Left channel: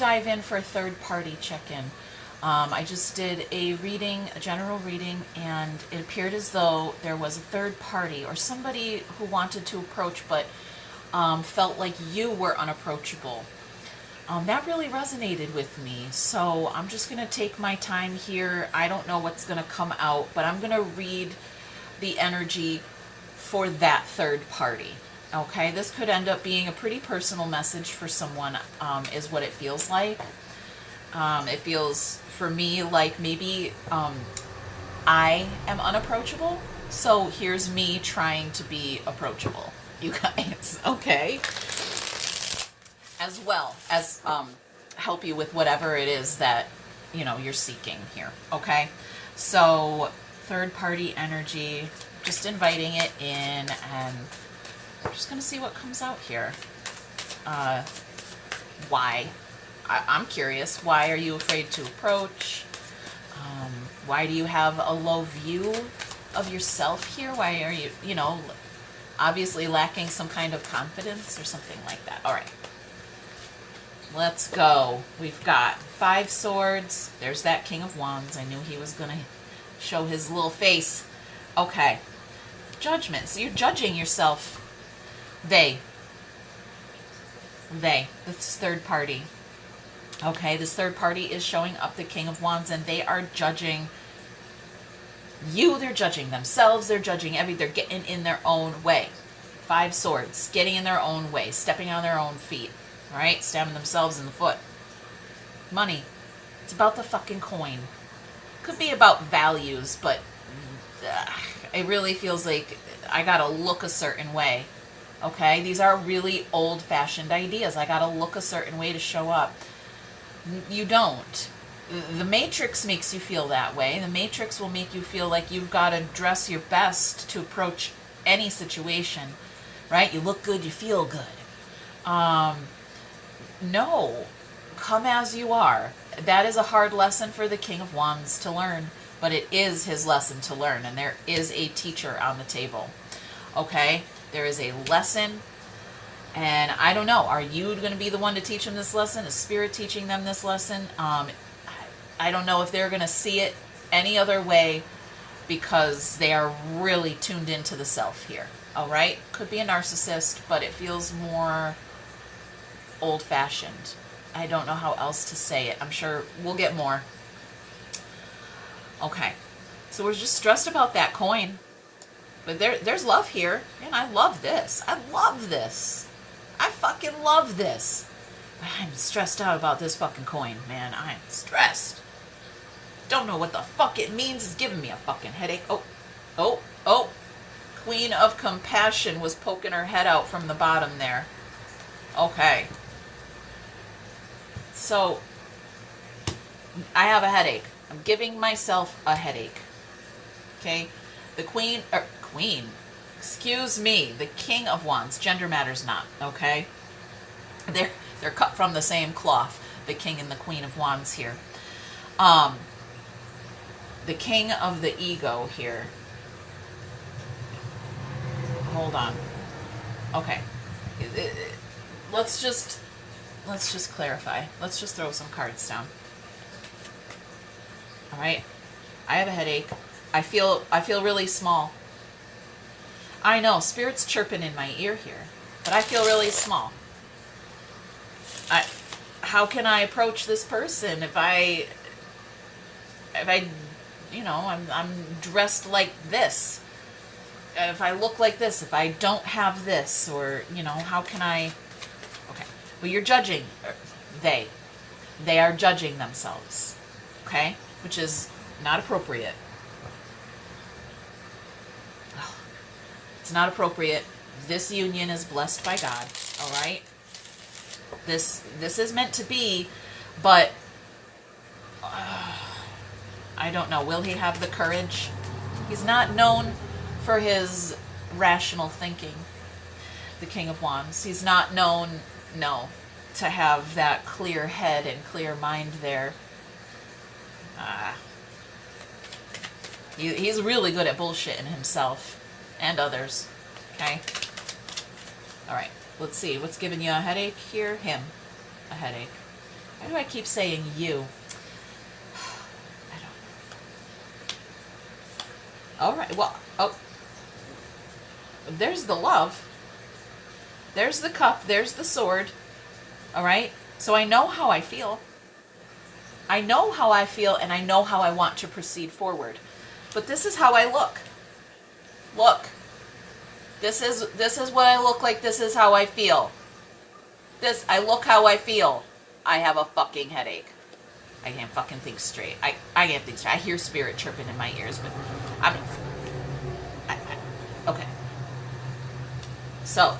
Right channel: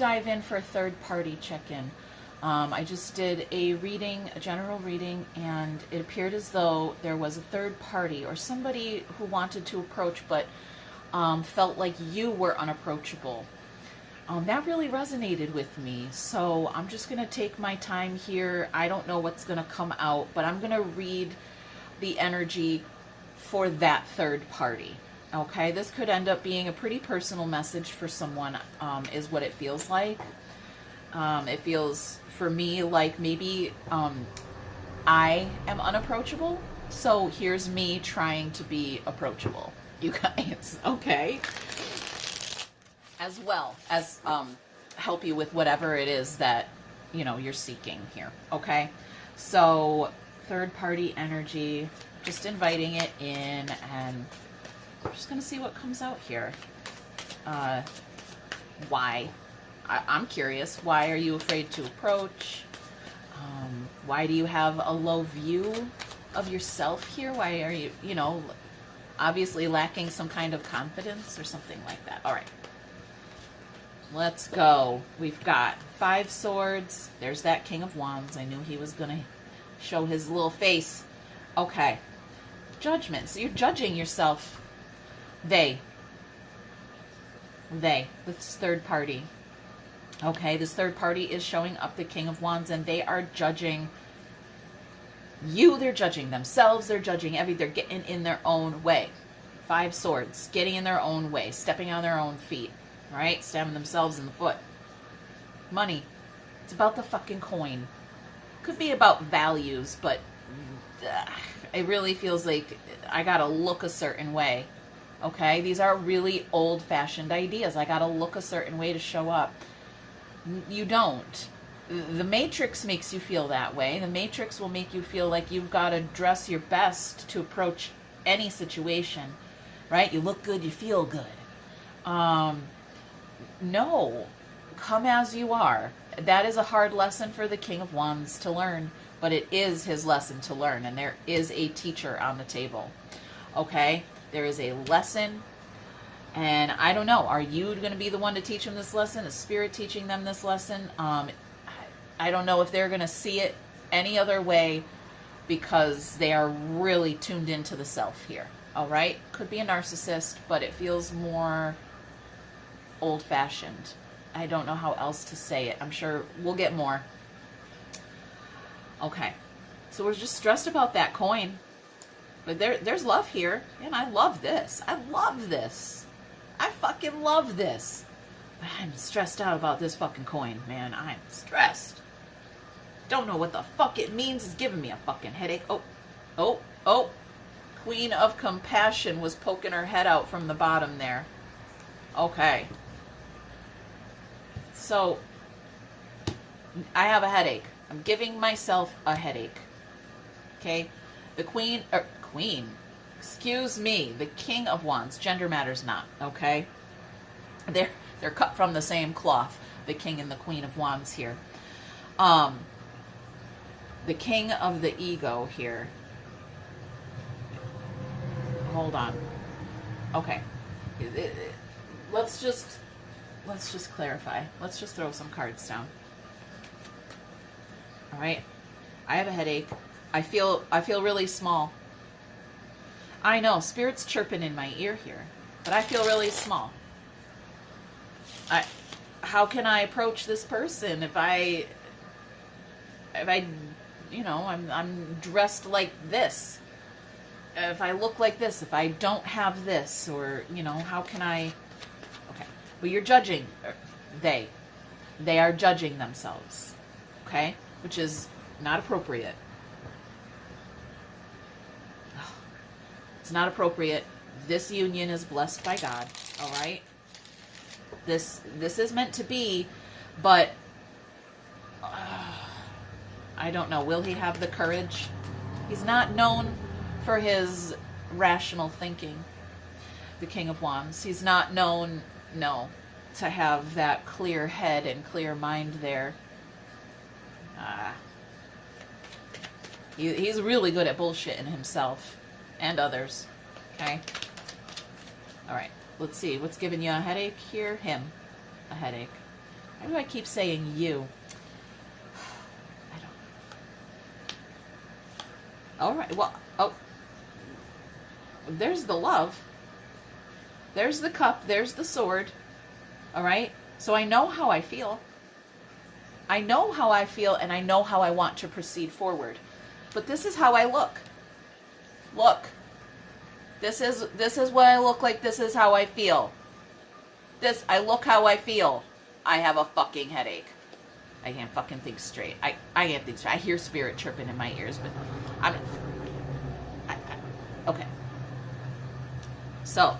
dive in for a third-party check-in. I just did a reading, a general reading, and it appeared as though there was a third party or somebody who wanted to approach but felt like you were unapproachable. That really resonated with me, so I'm just going to take my time here. I don't know what's going to come out, but I'm going to read the energy for that third party. Okay, this could end up being a pretty personal message for someone, is what it feels like. It feels for me like maybe I am unapproachable, so here's me trying to be approachable, you guys, okay? As well as help you with whatever it is that, you know, you're seeking here, okay? So, third-party energy, just inviting it in, and I'm just going to see what comes out here. Why? I'm curious. Why are you afraid to approach? Why do you have a low view of yourself here? Why are you, you know, obviously lacking some kind of confidence or something like that? All right. Let's go. We've got 5 swords. There's that King of Wands. I knew he was going to show his little face. Okay. Judgment. So you're judging yourself. This third party. Okay, this third party is showing up the King of Wands, and they are judging you. They're judging themselves. They're judging everything. They're getting in their own way. 5 swords. Getting in their own way. Stepping on their own feet. All right, stabbing themselves in the foot. Money. It's about the fucking coin. Could be about values, but it really feels like I gotta look a certain way. Okay, these are really old-fashioned ideas. I gotta look a certain way to show up. You don't. The Matrix makes you feel that way. The Matrix will make you feel like you've got to dress your best to approach any situation, right? You look good, you feel good. No, come as you are. That is a hard lesson for the King of Wands to learn, but it is his lesson to learn, and there is a teacher on the table. Okay? There is a lesson, and I don't know, are you going to be the one to teach them this lesson? Is Spirit teaching them this lesson? I don't know if they're going to see it any other way, because they are really tuned into the self here. All right? Could be a narcissist, but it feels more old-fashioned. I don't know how else to say it. I'm sure we'll get more. Okay. So we're just stressed about that coin. But there's love here. And I love this. I love this. I fucking love this. I'm stressed out about this fucking coin, man. I'm stressed. Don't know what the fuck it means. It's giving me a fucking headache. Oh. Queen of Compassion was poking her head out from the bottom there. Okay. So, I have a headache. I'm giving myself a headache. Okay? The Queen, excuse me, the King of Wands, gender matters not, okay? They're cut from the same cloth, the King and the Queen of Wands here. The King of the Ego here. Hold on. Okay. Let's just clarify. Let's just throw some cards down. All right. I have a headache. I feel really small. I know, Spirit's chirping in my ear here, but I feel really small. How can I approach this person if I you know, I'm dressed like this? If I look like this, if I don't have this, or, you know, how can I? Okay, well, you're judging. They are judging themselves. Okay, which is not appropriate. It's not appropriate. This union is blessed by God. All right. This is meant to be, but I don't know. Will he have the courage? He's not known for his rational thinking, the King of Wands. He's not known, no, to have that clear head and clear mind there. He's really good at bullshitting himself and others. Okay? All right. Let's see. What's giving you a headache here? Him. A headache. Why do I keep saying you? I don't. All right. Well, oh, there's the love. There's the cup. There's the sword. All right. So I know how I feel. I know how I feel, and I know how I want to proceed forward. But this is how I look. Look. This is what I look like. This is how I feel. I look how I feel. I have a fucking headache. I can't fucking think straight. I can't think straight. I hear spirit chirping in my ears, but okay. So,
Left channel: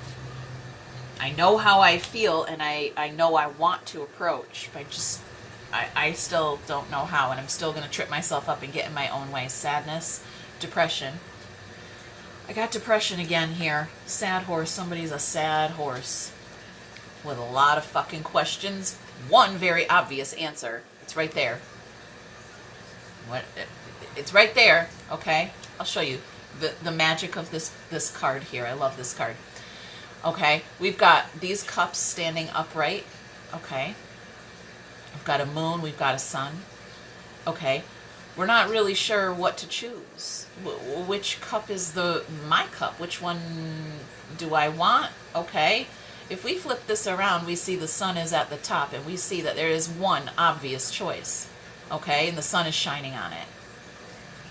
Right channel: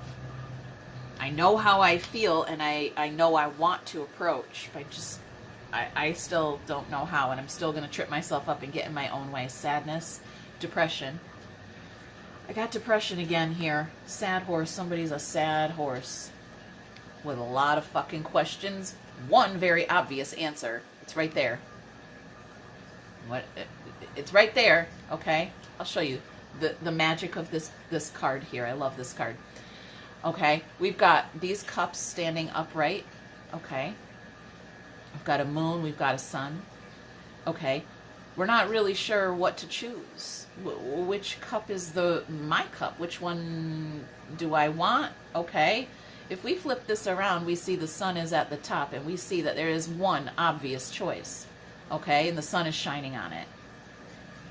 I know how I feel, and I know I want to approach, but I still don't know how, and I'm still going to trip myself up and get in my own way. Sadness, depression. I got depression again here. Sad horse. Somebody's a sad horse with a lot of fucking questions. One very obvious answer. It's right there. What? It's right there. Okay, I'll show you the magic of this card here. I love this card. Okay, we've got these cups standing upright. Okay, we've got a moon. We've got a sun. Okay, we're not really sure what to choose. Which cup is my cup? Which one do I want? Okay. If we flip this around, we see the sun is at the top, and we see that there is one obvious choice. Okay, and the sun is shining on it.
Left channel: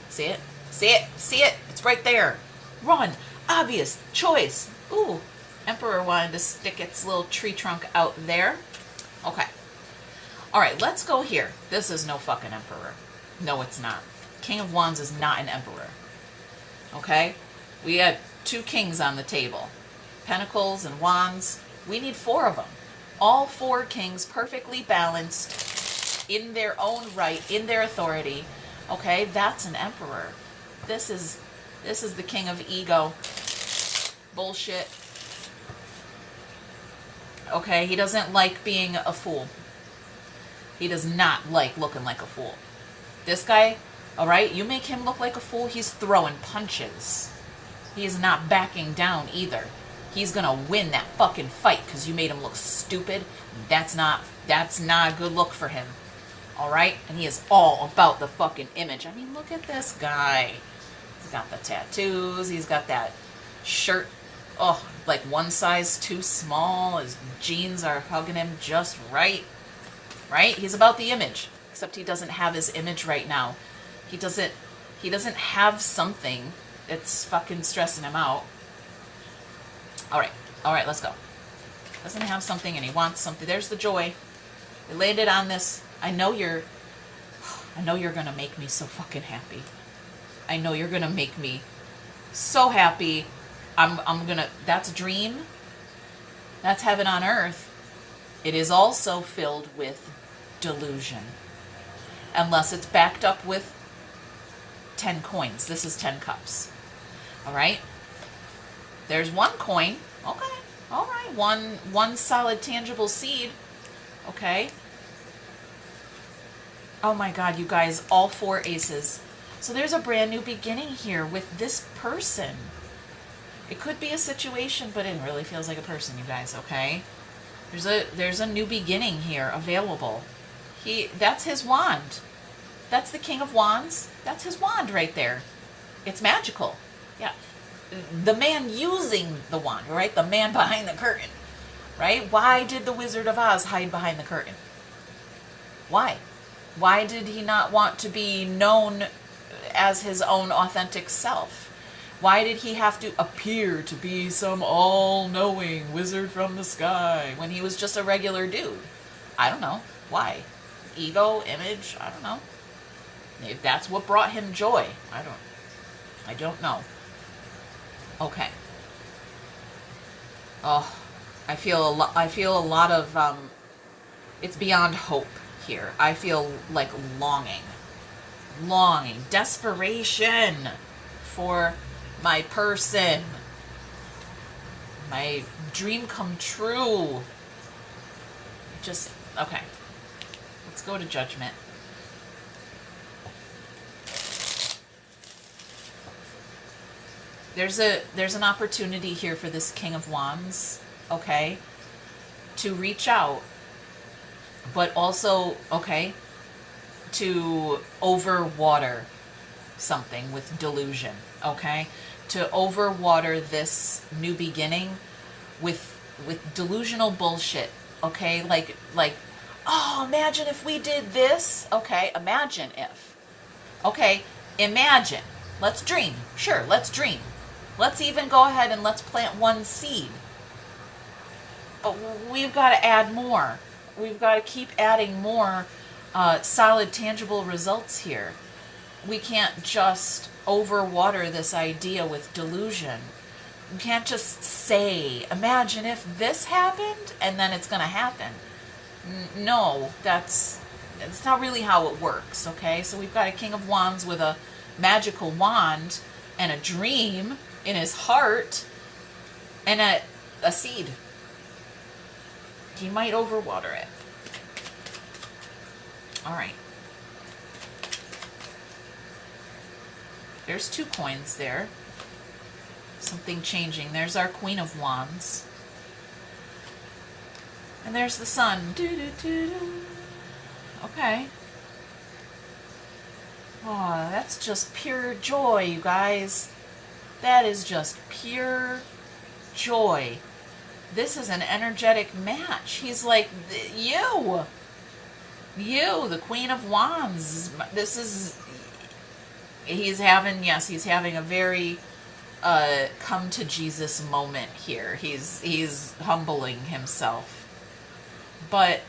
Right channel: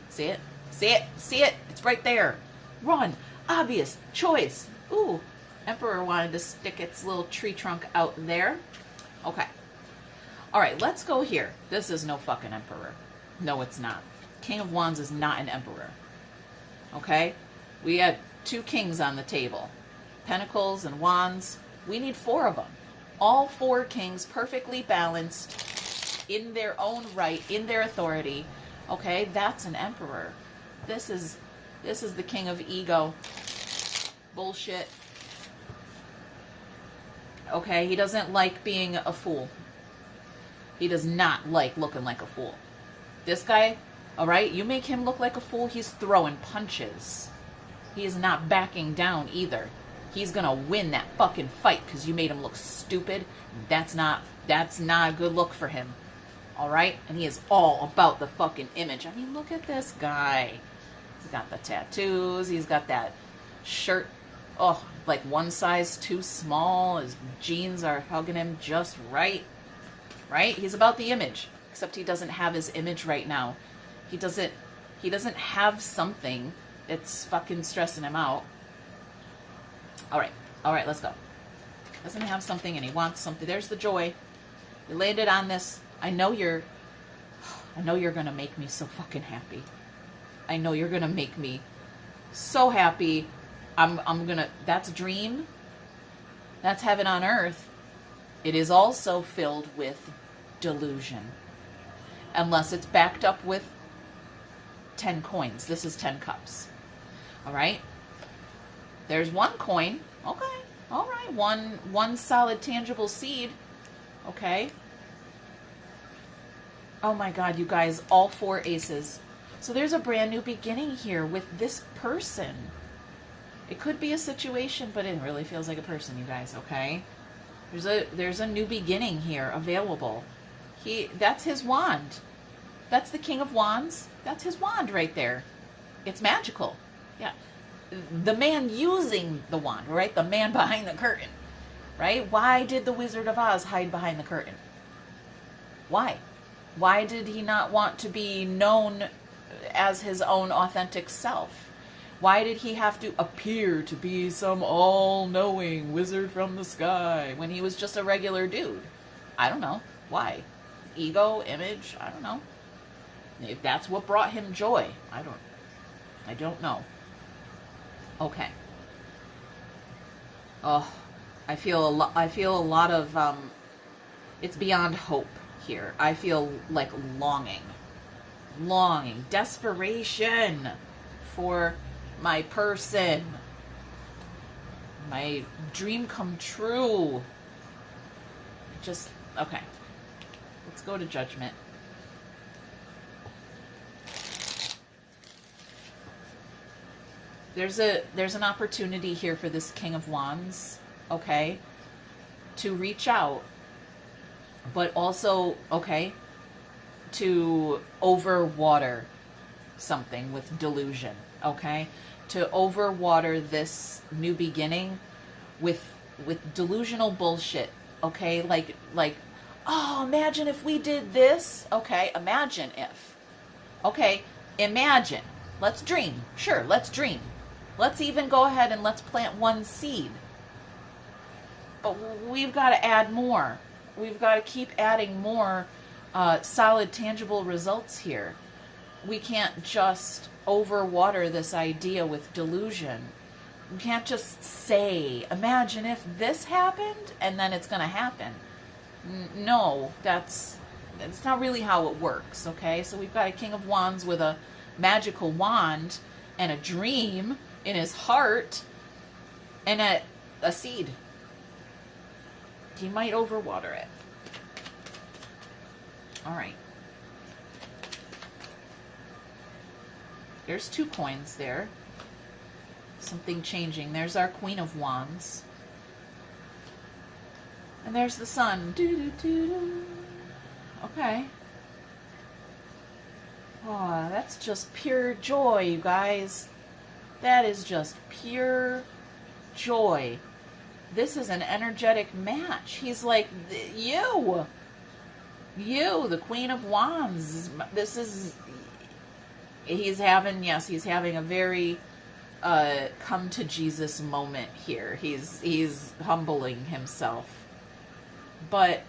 See it? See it? See it? It's right there. Run. Obvious choice. Ooh, Emperor wanted to stick its little tree trunk out there. Okay. All right, let's go here. This is no fucking Emperor. No, it's not. King of Wands is not an Emperor. Okay? We have two kings on the table. Pentacles and Wands. We need 4 of them. All 4 kings perfectly balanced in their own right, in their authority. Okay? That's an Emperor. This is the king of ego. Bullshit. Okay? He doesn't like being a fool. He does not like looking like a fool. This guy, all right, you make him look like a fool, he's throwing punches. He is not backing down either. He's gonna win that fucking fight because you made him look stupid. That's not a good look for him. All right, and he is all about the fucking image. I mean, look at this guy. He's got the tattoos. He's got that shirt. Oh, like one size too small. His jeans are hugging him just right. Right? He's about the image. Except he doesn't have his image right now. He doesn't have something that's fucking stressing him out. All right, let's go. Doesn't have something and he wants something. There's the joy. We landed on this. I know you're gonna make me so fucking happy. I know you're gonna make me so happy. That's a dream. That's heaven on earth. It is also filled with delusion. Unless it's backed up with 10 coins. This is 10 cups. All right? There's 1 coin. Okay. All right. One solid tangible seed. Okay. Oh my God, you guys, all 4 aces. So there's a brand new beginning here with this person. It could be a situation, but it really feels like a person, you guys, okay? There's a new beginning here available. That's his wand. That's the King of Wands. That's his wand right there. It's magical. Yeah. The man using the wand, right? The man behind the curtain, right? Why did the Wizard of Oz hide behind the curtain? Why? Why did he not want to be known as his own authentic self? Why did he have to appear to be some all-knowing wizard from the sky when he was just a regular dude? I don't know. Why? Ego, image, I don't know. If that's what brought him joy, I don't know. Okay. Oh, I feel a lot of it's beyond hope here. I feel like longing, desperation for my person, my dream come true. Just, okay. Let's go to Judgment. There's an opportunity here for this King of Wands, okay, to reach out, but also, okay, to overwater something with delusion, okay? To overwater this new beginning with delusional bullshit, okay? Like, oh, imagine if we did this. Okay, imagine if. Okay, imagine. Let's dream. Sure, let's dream. Let's even go ahead and let's plant one seed. But we've got to add more. We've got to keep adding more solid, tangible results here. We can't just overwater this idea with delusion. We can't just say, imagine if this happened, and then it's going to happen. No, that's not really how it works, okay? So we've got a King of Wands with a magical wand and a dream in his heart and a seed. He might overwater it. All right. There's 2 coins there. Something changing. There's our Queen of Wands. And there's the Sun. Okay. Oh, that's just pure joy, you guys. That is just pure joy. This is an energetic match. He's like, you, the Queen of Wands. This is, he's having a very come to Jesus moment here. He's humbling himself. But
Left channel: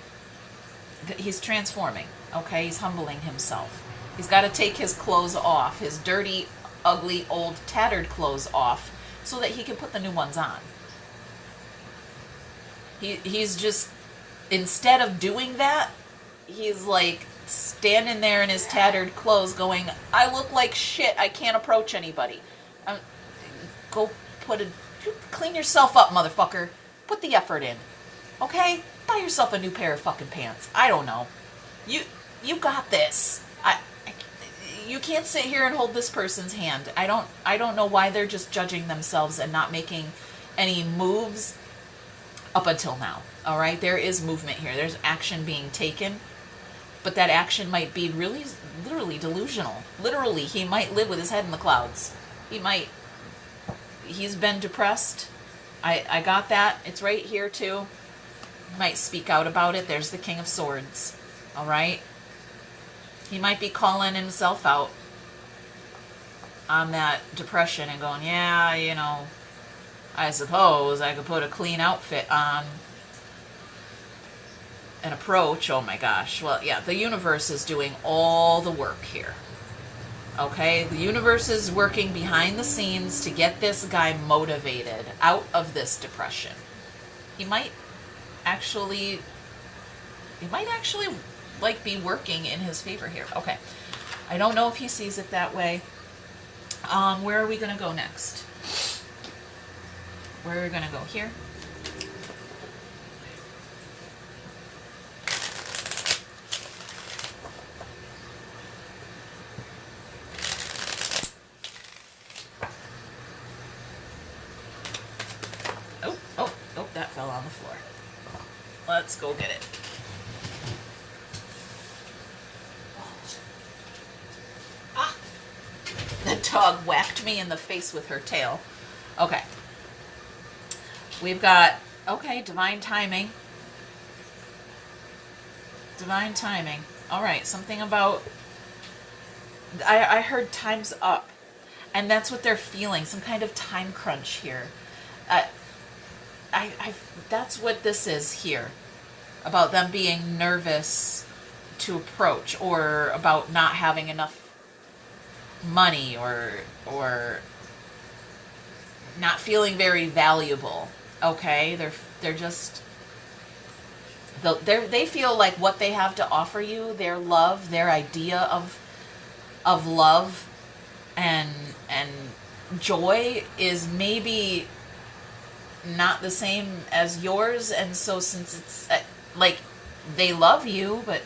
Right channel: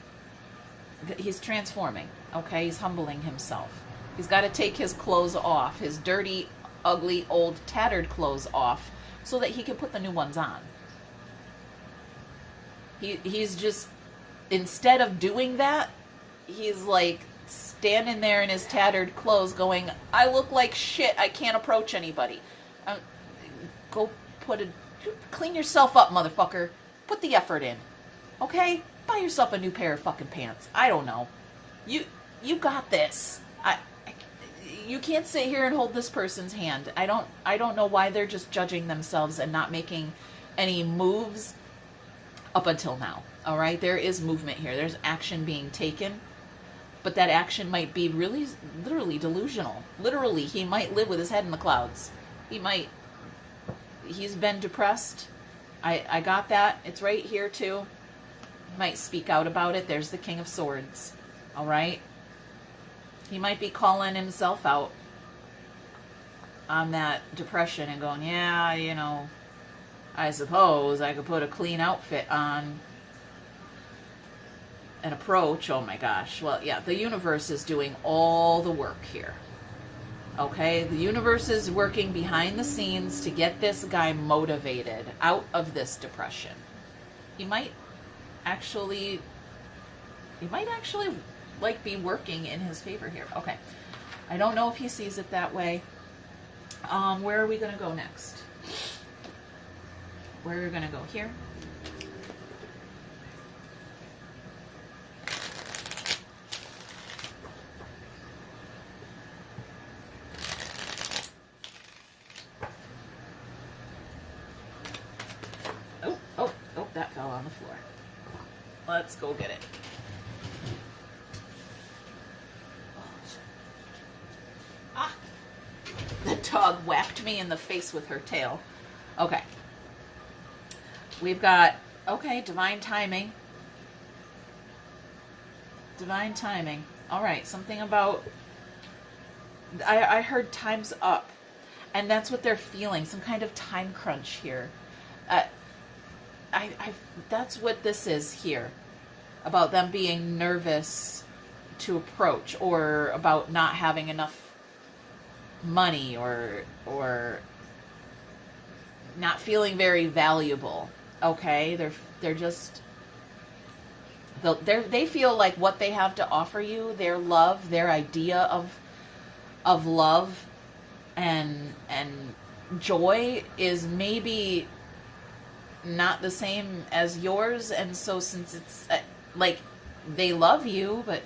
he's transforming, okay? He's humbling himself. He's got to take his clothes off, his dirty, ugly, old, tattered clothes off, so that he can put the new ones on. He's just, instead of doing that, he's like standing there in his tattered clothes going, I look like shit, I can't approach anybody. Go clean yourself up, motherfucker. Put the effort in, okay? Buy yourself a new pair of fucking pants. I don't know. You got this. You can't sit here and hold this person's hand. I don't know why they're just judging themselves and not making any moves up until now. All right, there is movement here. There's action being taken, but that action might be really, literally delusional. Literally, he might live with his head in the clouds. He's been depressed. I got that. It's right here too. Might speak out about it. There's the King of Swords. All right. He might be calling himself out on that depression and going, yeah, you know, I suppose I could put a clean outfit on and approach. Oh my gosh. Well, yeah, the universe is doing all the work here. Okay, the universe is working behind the scenes to get this guy motivated out of this depression. He might actually like be working in his favor here. Okay, I don't know if he sees it that way. Where are we going to go next? Where are we going to go? Here? Oh, that fell on the floor. Let's go get it. Ah! The dog whacked me in the face with her tail. Okay. We've got, okay, divine timing. Divine timing. All right, something about, I heard time's up. And that's what they're feeling, some kind of time crunch here. That's what this is here. About them being nervous to approach, or about not having enough money, or not feeling very valuable. Okay, they're just, they feel like what they have to offer you, their love, their idea of love and joy is maybe not the same as yours. And so since it's like they love you, but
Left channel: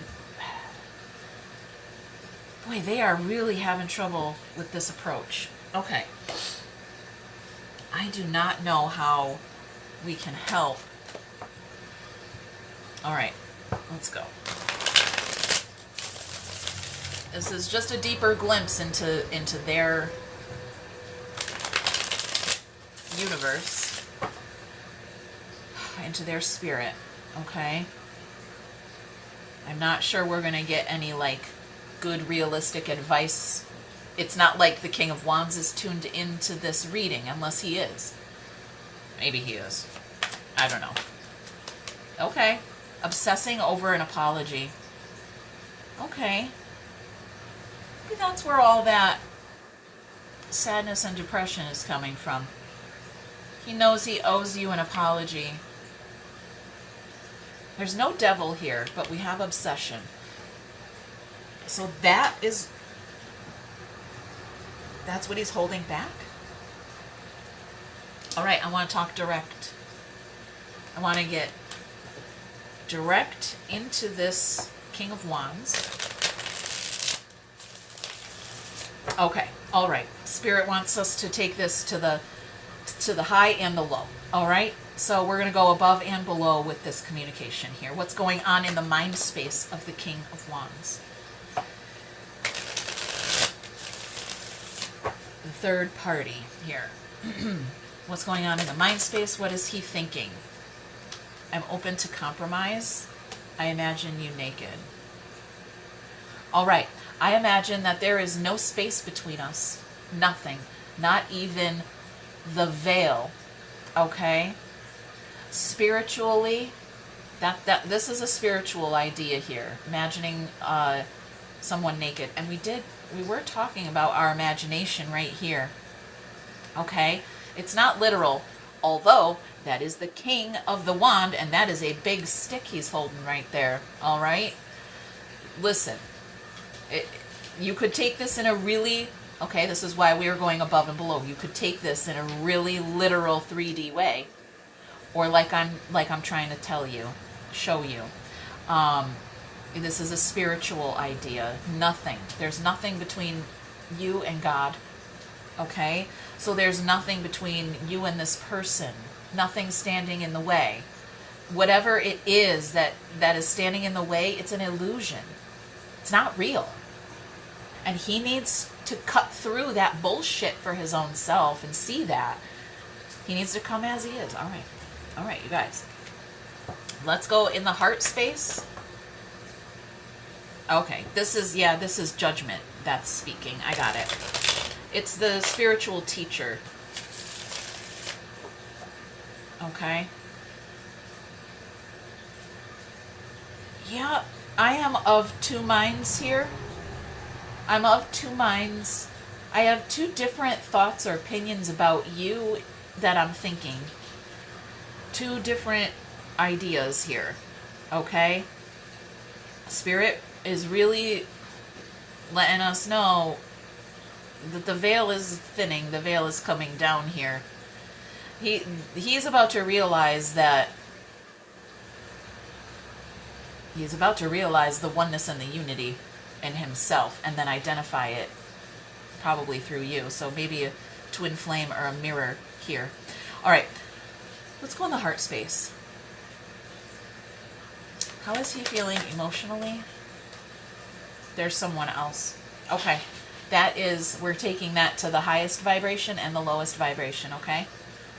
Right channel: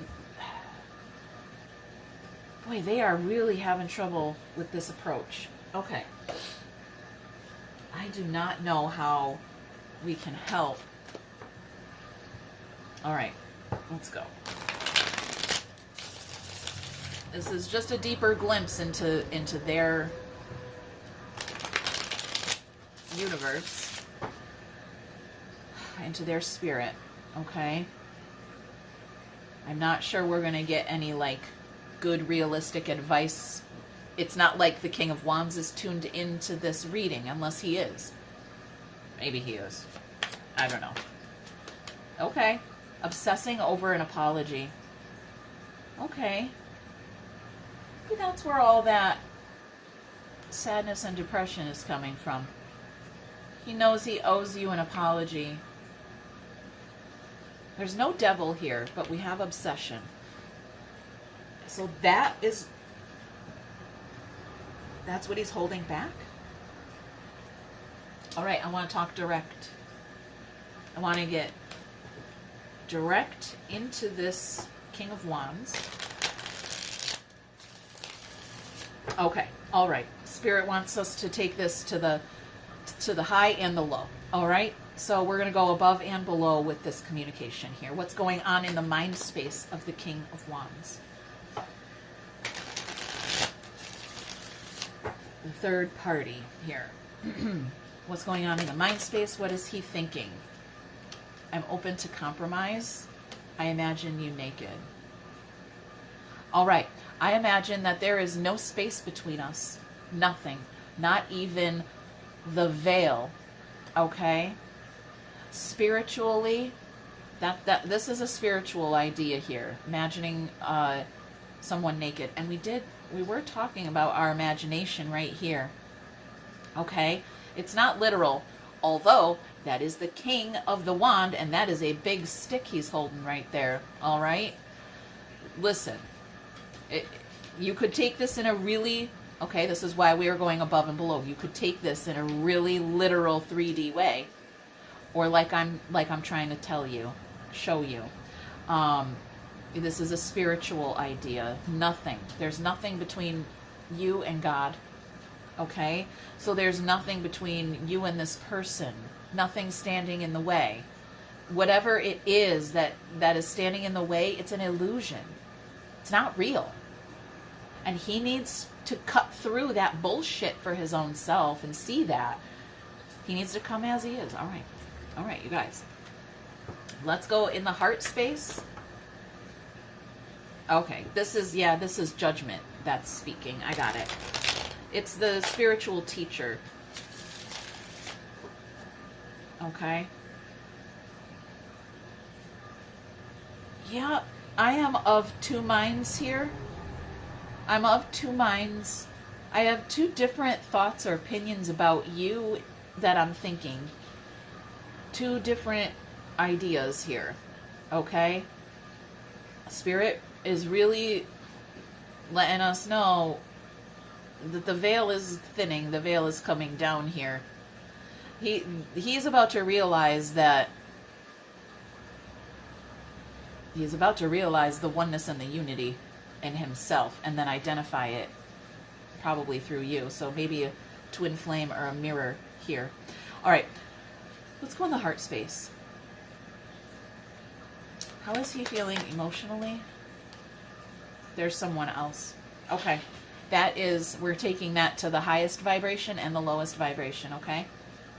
boy, they are really having trouble with this approach. Okay, I do not know how we can help. All right, Let's go. This is just a deeper glimpse into their universe, into their spirit, okay? I'm not sure we're going to get any, like, good, realistic advice. It's not like the King of Wands is tuned into this reading, unless he is. Maybe he is. I don't know. Okay. Obsessing over an apology. Okay. Maybe that's where all that sadness and depression is coming from. He knows he owes you an apology. There's no devil here, but we have obsession. So that's what he's holding back. All right, I want to talk direct. I want to get direct into this King of Wands. Okay, all right. Spirit wants us to take this to the high and the low. All right, so we're going to go above and below with this communication here. What's going on in the mind space of the King of Wands? The third party here. What's going on in the mind space? What is he thinking? I'm open to compromise. I imagine you naked. All right. I imagine that there is no space between us. Nothing. Not even the veil. Okay? Spiritually, this is a spiritual idea here. Imagining someone naked. And we were talking about our imagination right here. Okay? It's not literal. Although, that is the king of the wand, and that is a big stick he's holding right there. All right? Listen. You could take this in a really, okay, this is why we are going above and below. You could take this in a really literal 3D way, or like I'm trying to show you. This is a spiritual idea. Nothing. There's nothing between you and God. Okay? So there's nothing between you and this person. Nothing standing in the way. Whatever it is that is standing in the way, it's an illusion. It's not real. And he needs to cut through that bullshit for his own self and see that. He needs to come as he is. All right. All right, you guys. Let's go in the heart space. Okay, this is judgment that's speaking. I got it. It's the spiritual teacher. Okay. Yeah, I am of two minds here. I'm of two minds. I have two different thoughts or opinions about you that I'm thinking. Two different ideas here. Okay? Spirit is really letting us know that the veil is thinning. The veil is coming down here. He's about to realize that he's about to realize the oneness and the unity in himself, and then identify it probably through you. So maybe a twin flame or a mirror here. All right, let's go in the heart space. How is he feeling emotionally? There's someone else. Okay, we're taking that to the highest vibration and the lowest vibration, okay?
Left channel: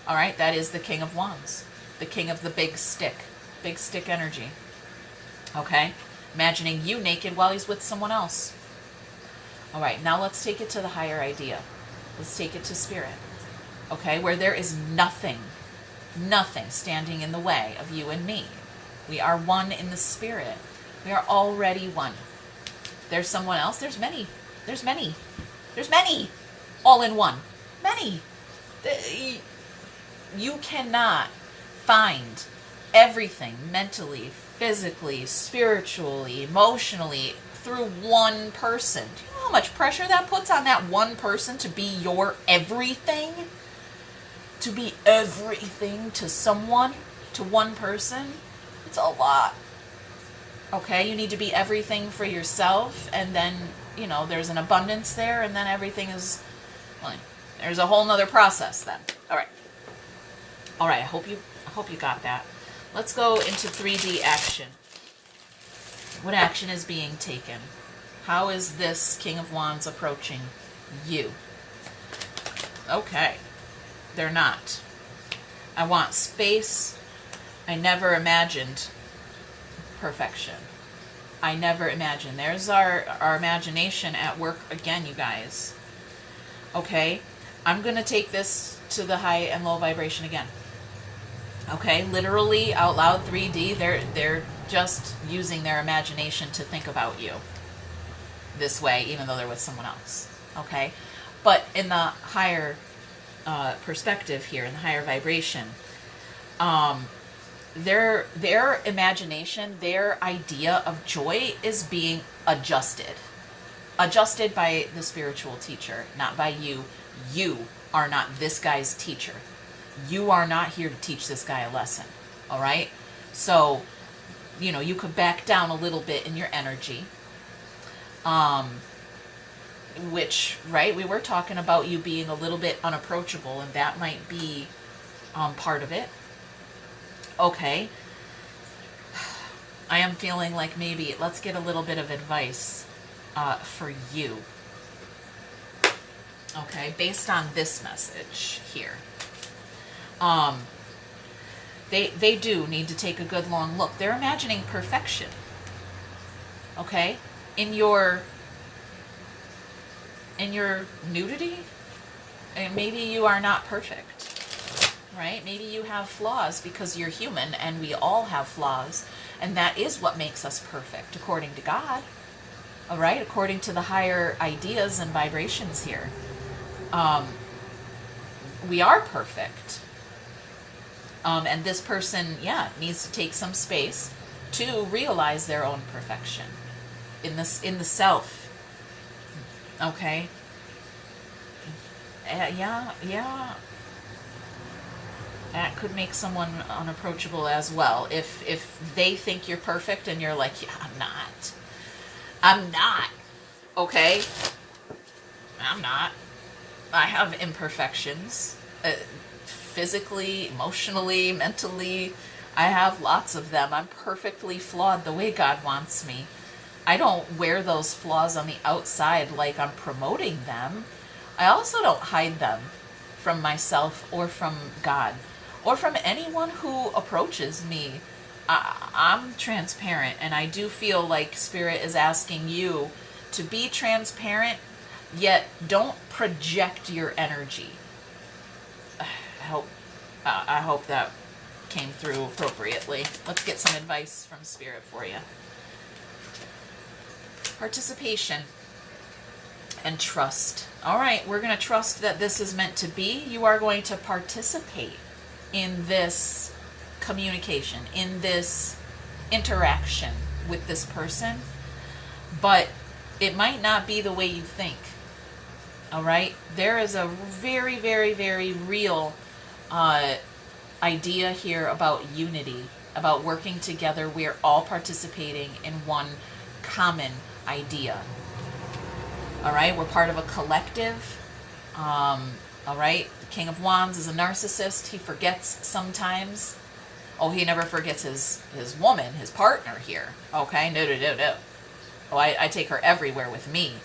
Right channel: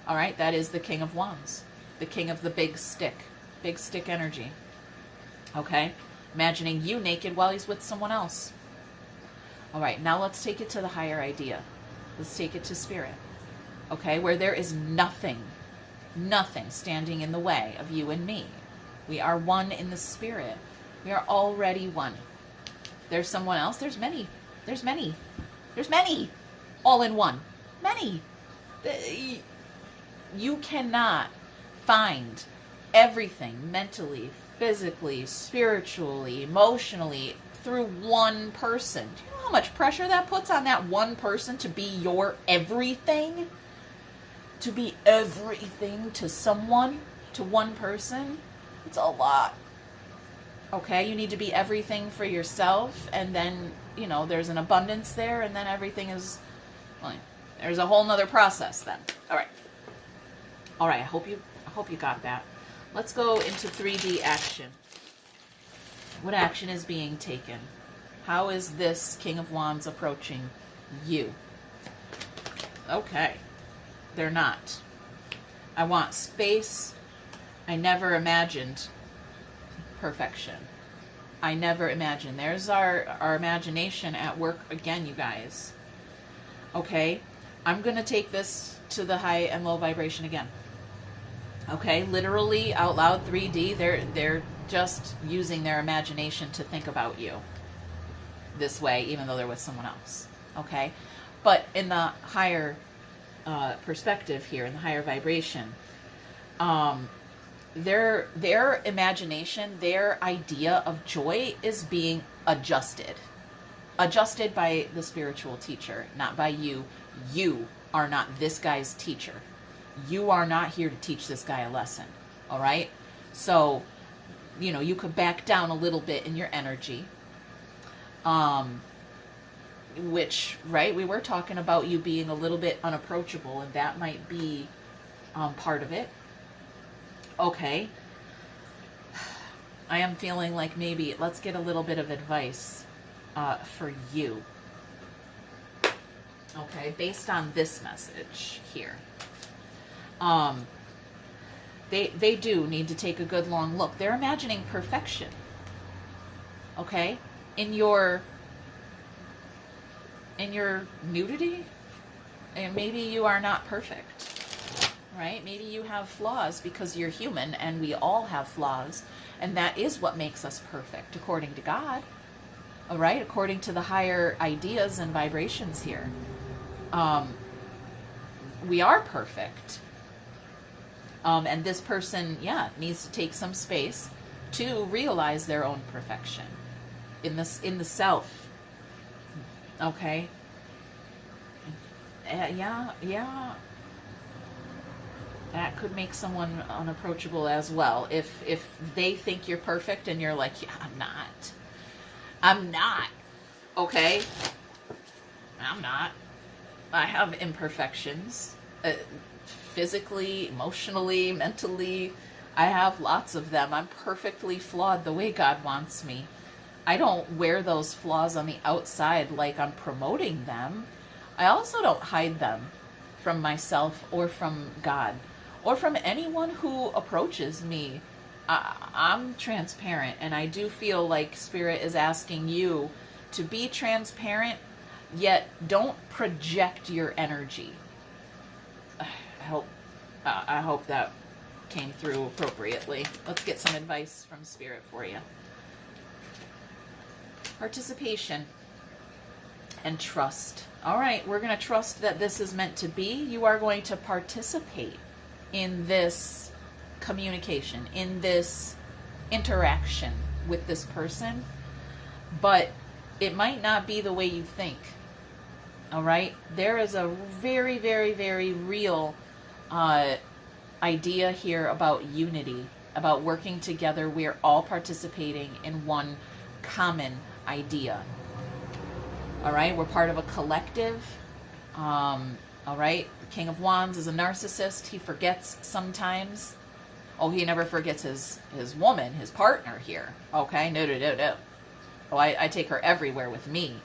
All right, that is the King of Wands, the king of the big stick energy. Okay? Imagining you naked while he's with someone else. All right, now let's take it to the higher idea. Let's take it to spirit. Okay, where there is nothing standing in the way of you and me. We are one in the spirit. We are already one. There's someone else. There's many. All in one. Many. You cannot find everything mentally, physically, spiritually, emotionally through one person. Do you know how much pressure that puts on that one person to be your everything? To be everything to someone, to one person? It's a lot. Okay, you need to be everything for yourself, and then, there's an abundance there, and then everything is, there's a whole nother process then. All right, I hope you got that. Let's go into 3D action. What action is being taken? How is this King of Wands approaching you? Okay. They're not. I want space. I never imagined perfection. I never imagined. There's our imagination at work again, you guys. Okay? I'm going to take this to the high and low vibration again. Okay? Literally, out loud, 3D, they're just using their imagination to think about you this way, even though they're with someone else. Okay? But in the higher perspective here, in the higher vibration, their imagination, their idea of joy is being adjusted by the spiritual teacher, not by you. You are not this guy's teacher. You are not here to teach this guy a lesson. All right? So, you know, you could back down a little bit in your energy. Which, right, we were talking about you being a little bit unapproachable, and that might be part of it. Okay. I am feeling like maybe let's get a little bit of advice for you. Okay, based on this message here. They do need to take a good long look. They're imagining perfection. Okay? In your nudity, and maybe you are not perfect. Right? Maybe you have flaws because you're human, and we all have flaws, and that is what makes us perfect, according to God. All right? According to the higher ideas and vibrations here. We are perfect. And this person, needs to take some space to realize their own perfection in the self. Okay? That could make someone unapproachable as well. If they think you're perfect and you're like, yeah, I'm not. Okay? I'm not. I have imperfections. Physically, emotionally, mentally. I have lots of them. I'm perfectly flawed the way God wants me. I don't wear those flaws on the outside like I'm promoting them. I also don't hide them from myself or from God or from anyone who approaches me. I'm transparent, and I do feel like Spirit is asking you to be transparent, yet don't project your energy. I hope that came through appropriately. Let's get some advice from Spirit for you. Participation and trust. All right, we're going to trust that this is meant to be. You are going to participate in this communication, in this interaction with this person, but it might not be the way you think. All right? There is a very, very, very real idea here about unity, about working together. We're all participating in one common idea. All right? We're part of a collective. All right? The King of Wands is a narcissist. He forgets sometimes. Oh, he never forgets his woman, his partner here. Okay? No. Oh, I take her everywhere with me.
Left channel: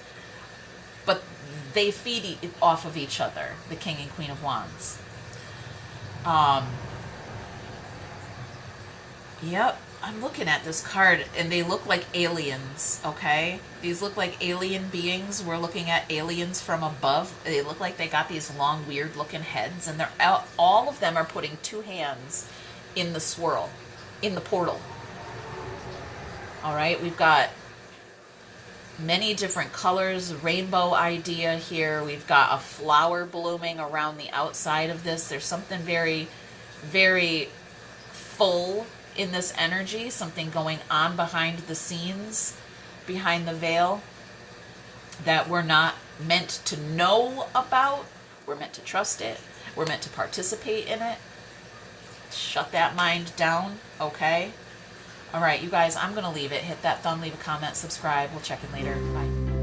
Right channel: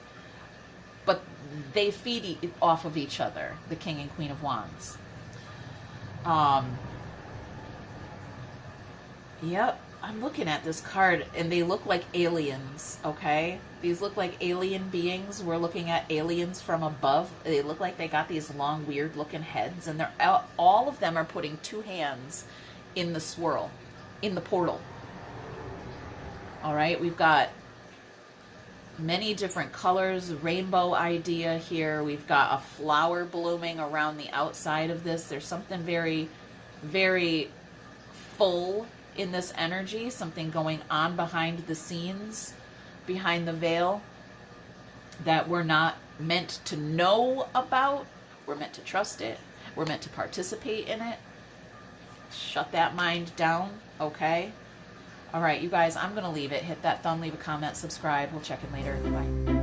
But they feed off of each other, the King and Queen of Wands. Yep, I'm looking at this card, and they look like aliens, okay? These look like alien beings. We're looking at aliens from above. They look like they got these long, weird-looking heads, and they're all of them are putting two hands in the swirl, in the portal. All right, we've got many different colors, rainbow idea here. We've got a flower blooming around the outside of this. There's something very, very full in this energy, something going on behind the scenes, behind the veil, that we're not meant to know about. We're meant to trust it. We're meant to participate in it. Shut that mind down, okay? All right, you guys, I'm going to leave it. Hit that thumb, leave a comment, subscribe. We'll check in later. Bye.